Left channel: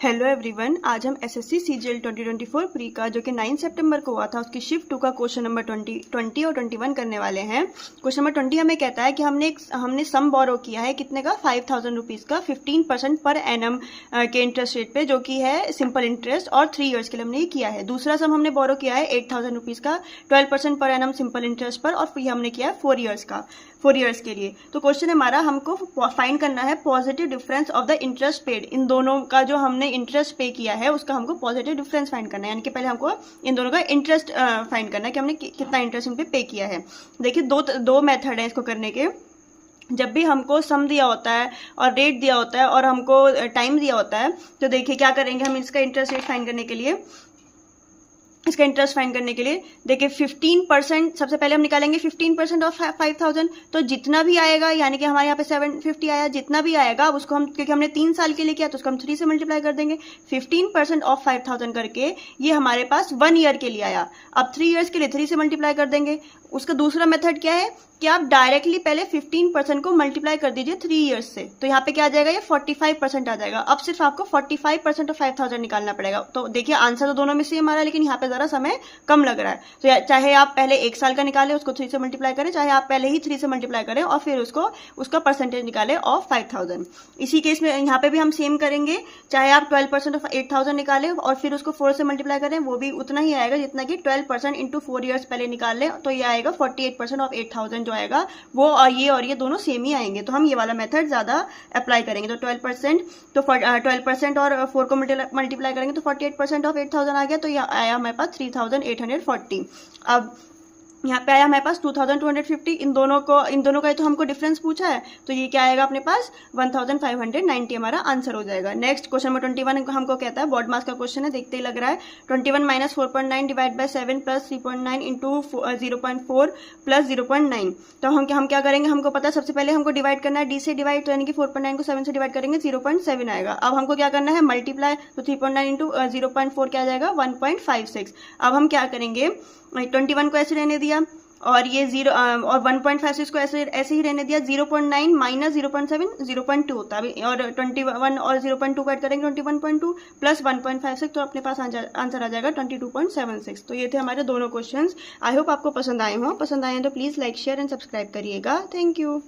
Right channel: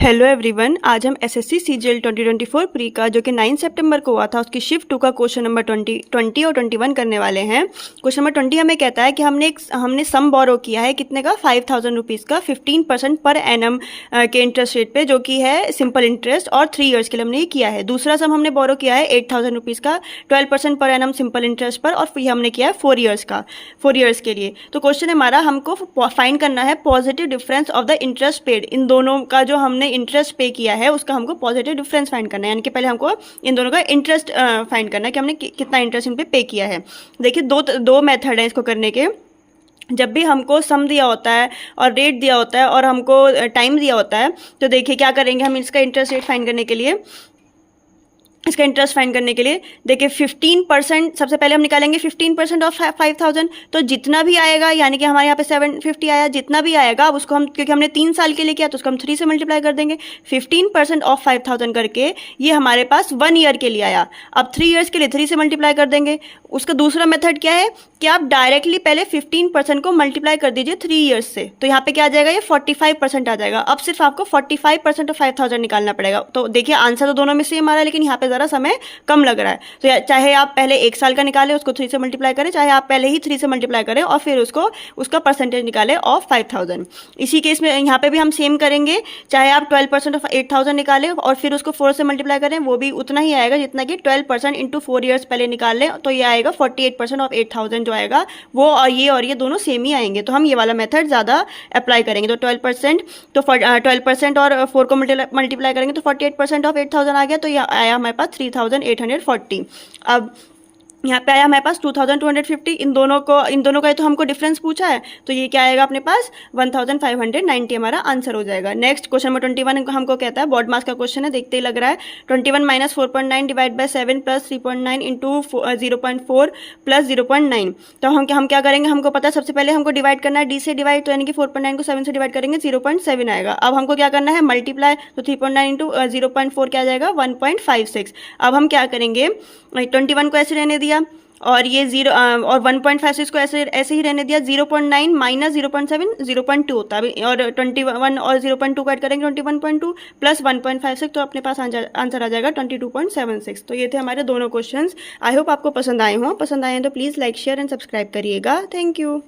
Hello everyone, आज हम SSC CGL 2024 pre का जो कि 9 सितंबर को हुआ था उसकी शिफ्ट 2 का क्वेश्चन नंबर 20 और 21 करने वाले हैं। क्वेश्चन नंबर 20 हमें कहता है कि हमने सम बोरो किया है कितने का 5000 रुपीज़ का 15% पर एनम के इंटरेस्ट रेट पे, जो कि है सिंपल इंटरेस्ट, और 3 इयर्स के लिए हमने ये किया है। दूसरा सम हमने बोरो किया है 8000 रुपीज़ का 12% पर एनम सिंपल इंटरेस्ट पर, और फिर हमने किया है 4 इयर्स के लिए। तो क्वेश्चन हमारा हमको फाइंड करना है positive difference of the interest paid. इन दोनों का जो हमने इंटरेस्ट पे किया है उसका हमको पॉजिटिव डिफरेंस फाइंड करना है, यानी कि पहले हमको इन दोनों का इंटरेस्ट फाइंड करना है कि हमने कितना इंटरेस्ट इन पे किया है। देखिए दो मेथड है इसको करने के। जब भी हमको सम दिया होता है और रेट दिया होता है और हमको टाइम दिया होता है, तो देखिए क्या करेंगे हम इसका इंटरेस्ट रेट फाइंड करने के लिए, इसका इंटरेस्ट फाइंड करने के लिए देखिए 15% सबसे पहले हम निकालेंगे 15% ऑफ 5000। तो जितना भी आएगा, यानी कि हमारे यहाँ पे 750 आया, जितना भी आएगा अब उसको हम, क्योंकि हमने 3 साल के लिए किया तो उसको हम 3 से मल्टीप्लाई कर देंगे। 15% ऑफ 5000 करके ये हमारे पास 1 ईयर के लिए आया। अब 3 इयर्स के लिए 3 से मल्टीप्लाई कर देंगे। उसका दूसरा मेथड क्या है कि आप डायरेक्टली पहले 15% को मल्टीप्लाई कर दीजिए 3 इयर्स से, तो यहाँ पे क्या आ जाएगा, ये 45% आ जाएगा। अब सिर्फ आपको 45% ऑफ 5000 निकालना पड़ेगा। तो देखिए आंसर तो दोनों में सेम आ रहा है, लेकिन यहाँ पे ज़रा समय कम लग रहा है। तो चाहे आप पहले 1 साल का निकालें उसको 3 से मल्टीप्लाई करें, चाहे आप पहले ही 3 से मल्टीप्लाई करें और फिर उसका परसेंटेज निकालें ऑफ 5000। इसी केस में यहाँ पे भी हम सेम करेंगे, चाहे आप 12% ऑफ 8000 निकालें और फिर उसको 4 से मल्टीप्लाई करें, वो भी उतना ही आएगा जितना कि 12% इंटू 4 ईयर्स पहले निकाल लें, तो ये आएगा 48% ऑफ 8000 जो आएगा वो, और ये दोनों सेम ही आएंगे। तो हम ये वाला मेथड ज़्यादा अप्लाई करेंगे। तो 12% और 4 को मल्टीप्लाई करेंगे तो 48% ऑफ 8000 आ गया, तो ये आया हमारे पास 3840। अब यहाँ पे आया हमारे पास 2250। इन दोनों का तो हमको डिफरेंस पूछा है, तो ये क्या आएगा अपने पास 1590 हमारा आंसर हो जाएगा। नेक्स्ट क्वेश्चन नंबर 21 हमको कहता है, बोर्ड मास का क्वेश्चन है, देखते ही लग रहा है। 21 minus 4.9 divide by 7 plus 3.9 into 0.4 plus 0.9। तो हम क्या करेंगे, हमको पता है सबसे पहले हमको डिवाइड करना है डी से डिवाइड, तो यानी कि 4.9 को 7 से डिवाइड करेंगे 0.7 आएगा। अब हमको क्या करना है मल्टीप्लाई, तो 3.9 इंटू 0.4 क्या आ जाएगा 1.56। अब हम क्या करेंगे, 21 को ऐसे रहने दिया और ये 0 और 1.56 को ऐसे ही रहने दिया। 0.9 माइनस 0.7 0.2 होता है, और 21 और 0.2 को ऐड करेंगे 21.2 प्लस 1.56, तो अपने पास आंसर आ जाएगा 22.76। तो ये थे हमारे दोनों क्वेश्चंस। आई होप आपको पसंद आए हों। पसंद आए तो please like share and subscribe करिएगा। Thank you.